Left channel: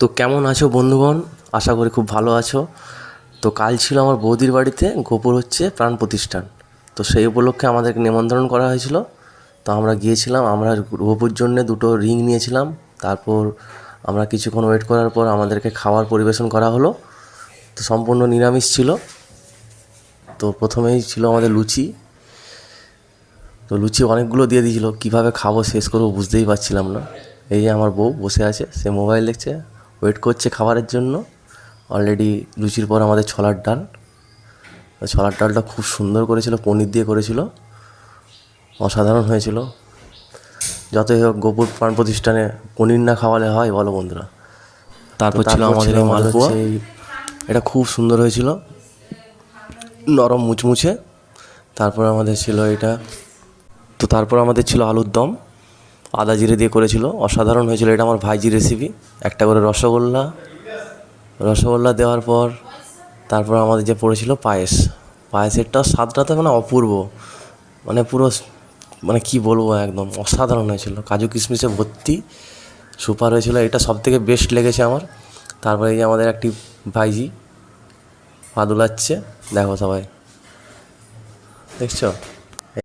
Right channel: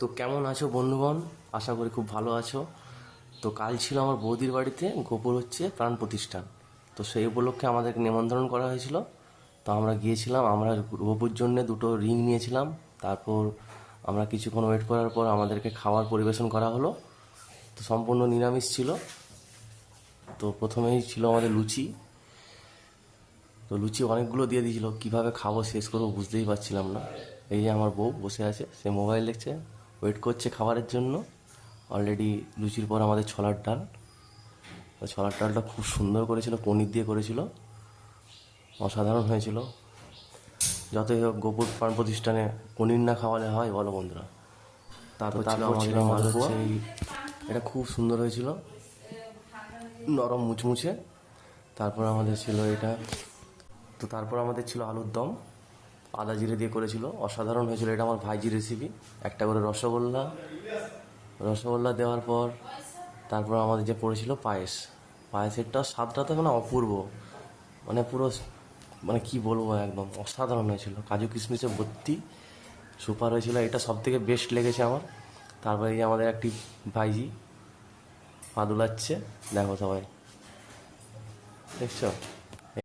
তো কেমন আছো বন্ধুগণ? আশা করি খুব ভালো আছো। তো কাল ছিল আমার বৌদির বাড়িতে গোপুর হচ্ছে প্রাণ প্রতিষ্ঠান। তো সেই উপলক্ষে আমাদেরকে নিমন্ত্রণ করা হয়েছিল। তো আমরা গিয়েছিলাম। আমরা গোপুর জন্যে দুটো রিং নিয়েছিলাম। তারপর আমরা কিছুক্ষণ ওয়েট করার পর আমাদেরকে খাবার পরিবেশন করা হলো। তো সম্পূর্ণ নিরামিষ ছিল। তো প্রথমেই ছিল আমাদের লুচি। তো লুচি অনেকগুলো দিয়ে দিয়েছিল, কীভাবে খাবো শেষ করবো বুঝতেই পারছিলাম না। এই যে আমার বউ বসে আছে, সে মোবাইল দেখছে, ওয়েট করছে খাবারের জন্য। অলরেডি লুচির পর আমাদের ছোলার ডাল। ছোলার ডালটা খুব সুন্দর করেছিল, পনির দিয়ে করেছিল, অসাধারণ হয়েছিল। যতই হোক গোপুর প্রাণ প্রতিষ্ঠানে পনির না খাওয়ালে হয় বলো বন্ধুরা? তারপর ছিল আমাদের এই মালপোয়া। এটা খুব সুন্দর হয়েছিল, নরম মুচমুচে। তারপর আমাদের ছিল এটা। তো তারপর আমাদের ছিল আলুর দম, আদা জিরে দিয়ে করেছিল, অসাধারণ হয়েছিল। এটা আমার ভাইজি রেসিপি। একটা করে রসগোল্লা। রসগোল্লা দেওয়ার পর তারপর আমাদের যে পড়েছিল পায়েস। পায়েসেরটা স্বাদটা তো মানে অপূর্ব, মানে পুরো, মানে কি বলবো, একদম অসাধারণ হয়েছিল। কাজু কিশমিশে ভর্তি, সুপার হয়েছিল। এটা সবথেকে বেস্ট লেগেছে আমার। তারপরে এই যে আমাদের একটি ভাইজি পা দুলাচ্ছে, দেখো সবাই, দেখছো?